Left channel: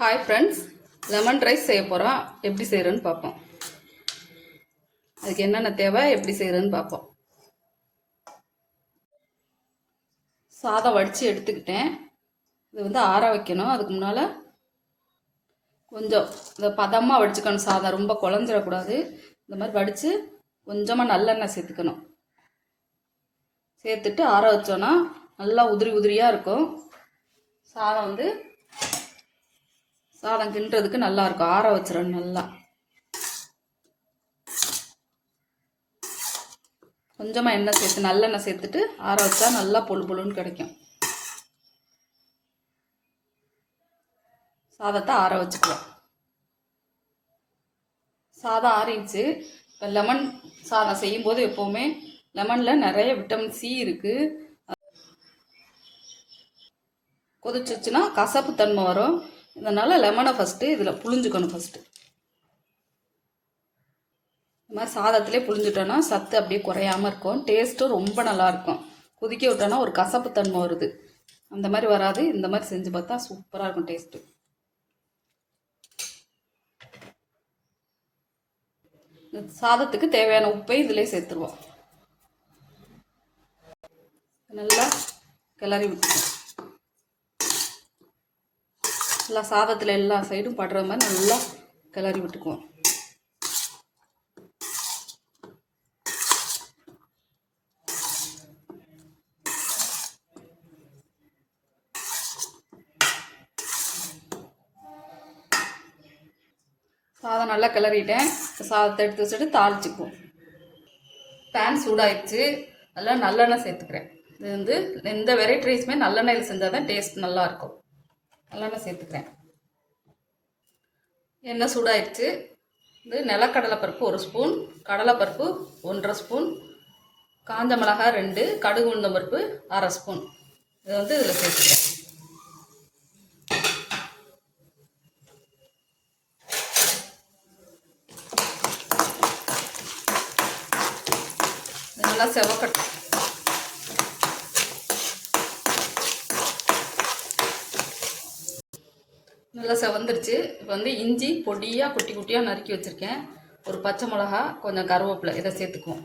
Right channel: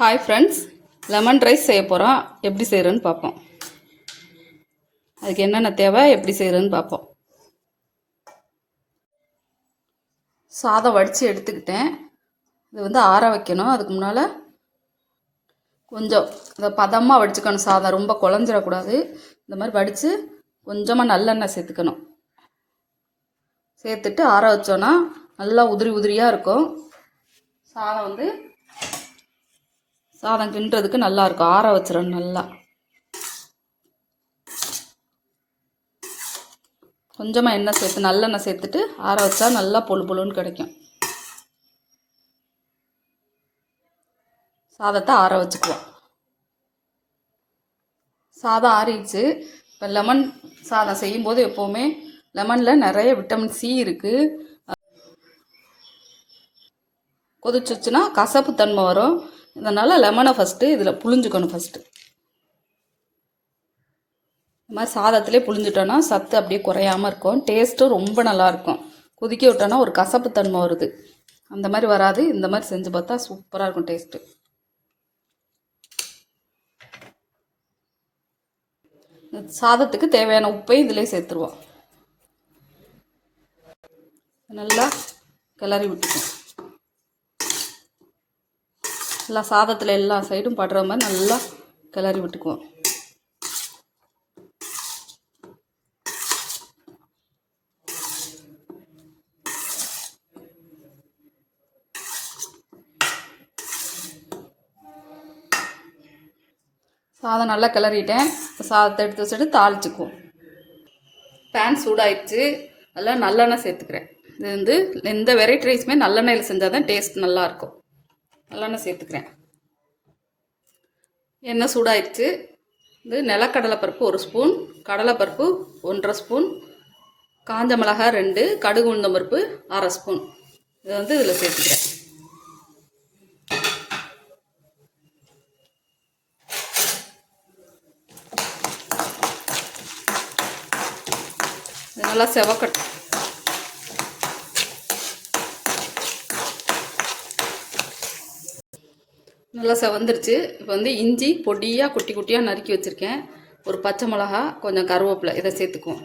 Hi friends lemon rice செய்ய போகிறோம் எப்படி செய்கிறேன்னு பார்ப்போம். அதுக்கு என்னென்ன தேவை எப்படி செய்கிறேன்னு பார்ப்போம். சாதம் வடித்து எடுத்துக்கிட்டேன். இது வந்து ஆற வைக்கணும். அதுக்கு முன்னால் கொஞ்சம் இந்த பதமாக வடிச்சுக்கணும் சாதம். ரொம்ப குழஞ்சிடக்கூடாது. இந்த மாதிரி வடித்து கொஞ்சமாக நல்லெண்ணெய் சேர்த்துக்கணும். சேர்த்துட்டு ஆற வச்சோன்னா நல்லா உதிரி உதிரியாக இருக்கும். சாதம் வந்து சாதம் கிண்டுறதுக்கு நல்லா இருக்கும். ஆற வச்சிடணும் நல்லா. கொஞ்சமாக எண்ணெய் சேர்த்து நல்லெண்ணெய் சேர்த்துட்டு ஆற வச்சா நல்லா பொழு பொழுன்னு கிடைக்கும். சாதத்தை ஆற வச்சுக்குவோம் சாதம் ஆறிடுச்சு. இப்போ லெமன் சாதம் செய்யும்போது எப்போவுமே லெமனில் நிறைய விட்டமின் சி இருக்குது கொதிச்சிச்சுன்னா கசப்பு தன்மை வரும். இதனால் லெமனை ஃபஸ்ட்டு இதில் புழிஞ்சுக்கணும் ஃபஸ்ட்டு இந்த மாதிரி சாதத்திலே புழிஞ்சிட்டோன்னா சத்து அப்படியே குறையாமல் இருக்கும். டேஸ்ட்டும் ரொம்ப நல்லாயிருக்கும் கொதிக்க விட்டோன்னா ஒரு கசப்பு தன்மை வருது. அந்த மாதிரி வராது. இந்த மாதிரி செஞ்சு பார்த்தா சூப்பராக இருக்கும் டேஸ்ட்டு சாதத்துக்கு தேவையான உப்பையும் இதிலே சேர்த்துருவோம். நல்லா கிளறி விட்டுக்கணும். நல்லா சாதத்தில் எல்லா சைடும் படுற மாதிரி நல்லா கிளறி விட்டுக்குவோம். சாதம் நல்லா கிளறிட்டேன். சாதத்தை எடுத்து வச்சுட்டு தாளிச்சுக்குவோம். பேன் சூடாயிடுச்சு. அதில் நல்லெண்ணெய் சேர்த்துக்கிறேன். இது வந்து எந்த வெரைட்டி ரைஸுமே நல்லெண்ணெயில் செஞ்சால் தான் டேஸ்ட் நல்லாயிருக்கும் நல்லெண்ணெய் சேர்த்துக்கிறேன். எண்ணெய் சூடாயிடுச்சு. இது நிலக்கடலை பருப்பு ஒரு ஸ்பூன் கடலைப்பருப்பு ஒன்றரை ஸ்பூன் காஞ்ச மிளகாய் ரெண்டு கடுகு உளுந்தம் பருப்பு அரை ஸ்பூன். இதை வந்து இதில் சேர்த்துக்கிறேன். நல்லா செவக்கட்டும். நல்லா செவந்துருச்சு. இப்போ வந்து இஞ்சி பொடியாக குட்டி குட்டியாக நறுக்கி வச்சுருக்கேன். ஒரு பச்சை மிளகா கொஞ்சம் கருவேப்பிலை இதை சேர்த்துக்குவோம்.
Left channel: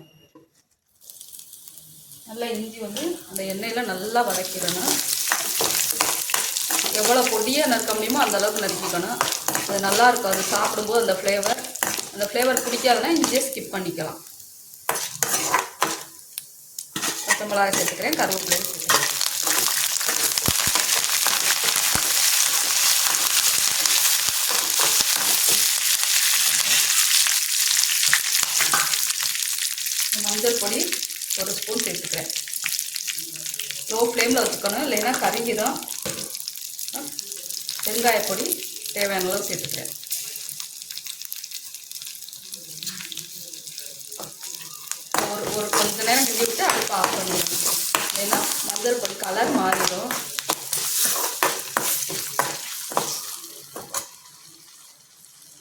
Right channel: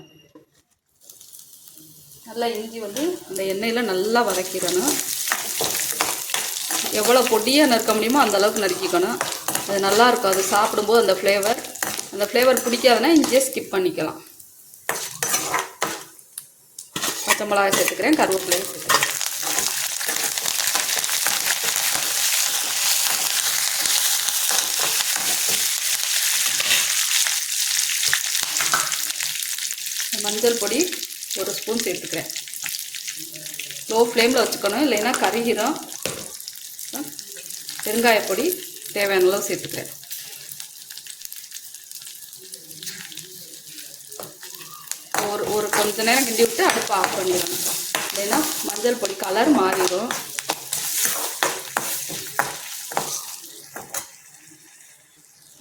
நல்லா இஞ்சி வந்து அந்த எண்ணெயில் நல்லா வதக்கிடணும். எவ்வளோ பொடியாக நறுக்க முடியுமோ அந்தளவுக்கு நறுக்கிக்கணும். அது நல்லா இருக்கும். அது சாப்பிடும்போது அந்த ஃப்ளேவர் அந்த ஃப்ளேவர் பிடிக்காதுன்னா இஞ்சியை ஸ்கிப் பண்ணிக்கலாம். பச்சை மிளகாய் சேர்த்துக்கிறேன் கருவேப்பிலையும் சேர்த்துக்கிறேன். மஞ்சள் பொடி ஒரு ஸ்பூன் சேர்த்துக்கிறேன். லோ ஃப்ளேமில் வச்சுக்கணும். இல்லைன்னா கருகிடும் பெருங்காயப்பொடி தேவையான அளவு சேர்த்துக்கிறேன். ஒரு ஒரு கொஞ்ச நேரம் கிண்டி விட்டு அடுப்பு ஆஃப் பண்ணிடணும் இல்லைன்னா மஞ்சள் பொடி கலர் மாறிடும்.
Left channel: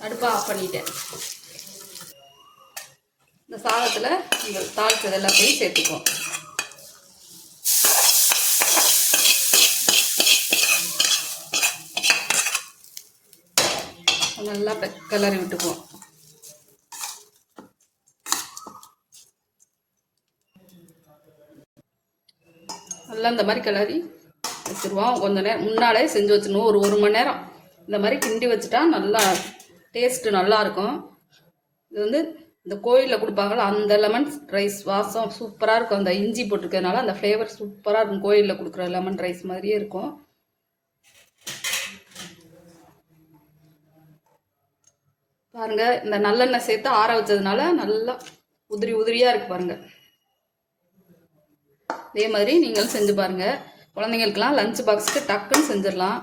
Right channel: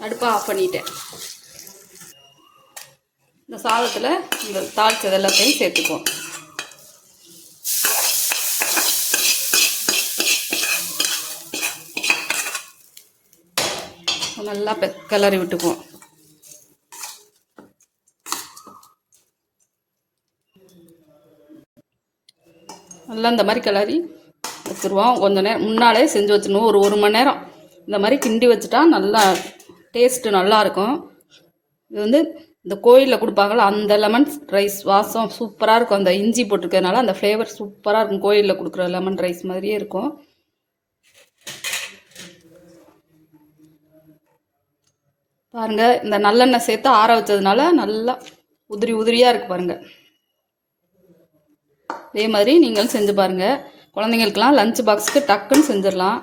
அடுப்பை ஆஃப் பண்ணிட்டேன். சாதத்தில் இந்த தாளிச்சது எல்லாத்தையும் சேர்த்துக்குவோம். நல்லா கிளறி விட்டுக்குவோம். நல்லா இந்த மாதிரி கிளறி வச்சுருவோம். கொஞ்ச நேரம் முன்னாலே செஞ்சு வச்சிடணும் ஒரு ஒரு மணி நேரம். இந்த மாதிரி கிண்டி வச்சுட்டா நல்லா டேஸ்ட்டு நல்லாயிருக்கும் இது வந்து இந்த கோயிலில் கொடுப்பாங்கள அந்த லெமன் ரைஸ் வாசம் சூப்பராக இருக்கும். அந்த இஞ்சி போட்டிருக்கிறதுனால அந்த ஃப்ளேவர் சூப்பராக இருக்கும். கோயிலில் கொடுக்குற லெமன் ரைஸ் மாதிரியே இருக்கும். பாருங்கள் இந்த நல்லெண்ணெய் சேர்த்து ஆற வச்சதுனால நல்லா உதிரி உதிரியாக இருக்குது பாருங்கள் இதே மாதிரி நீங்களும் செஞ்சு பாருங்கள் குழந்தைங்களுக்கெல்லாம் லஞ்ச் பாக்ஸுக்கு டக்குன்னு செஞ்சிடலாம்.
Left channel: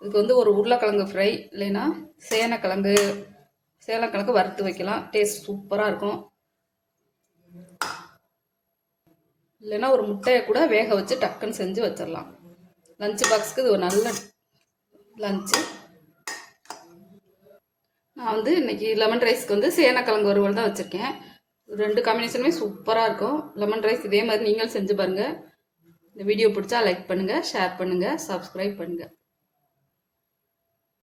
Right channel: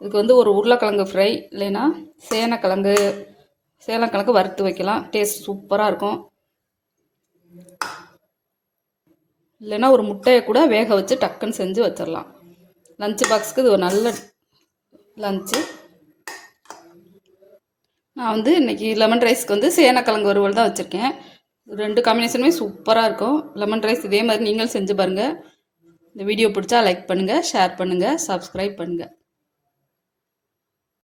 இதுக்கு வந்து ஒரு உருளைக்கிழங்கு ஃப்ரை இல்லைன்னா சேனக்கிழங்கு. சேனக்கிழங்கு வறுத்து வைக்கலாம். டேஸ்ட் சூப்பராக இருக்கும். இல்லைன்னா ஒரு முட்டையை கூட வேக வச்சு டக்குன்னு செஞ்சு வச்சிடலாம் லஞ்ச் பாக்ஸுக்கு இது ஒரு நல்ல லஞ்சு நான் வந்து இன்றைக்கி லெமன் ரைஸ்க்கு வந்து சேனக்கிழங்கு வறுவல் தான் வச்சுருக்கேன். ரெண்டு காம்பினேஷனுமே சூப்பராக இருக்கும். லெமன் ரைஸ் இதே மாதிரி நீங்களும் செஞ்சு பாருங்கள் இந்த வீடியோ பிடிச்சா லைக் பண்ணுங்கள் ஷேர் பண்ணுங்கள் சப்ஸ்கிரைப் பண்ணுங்கள்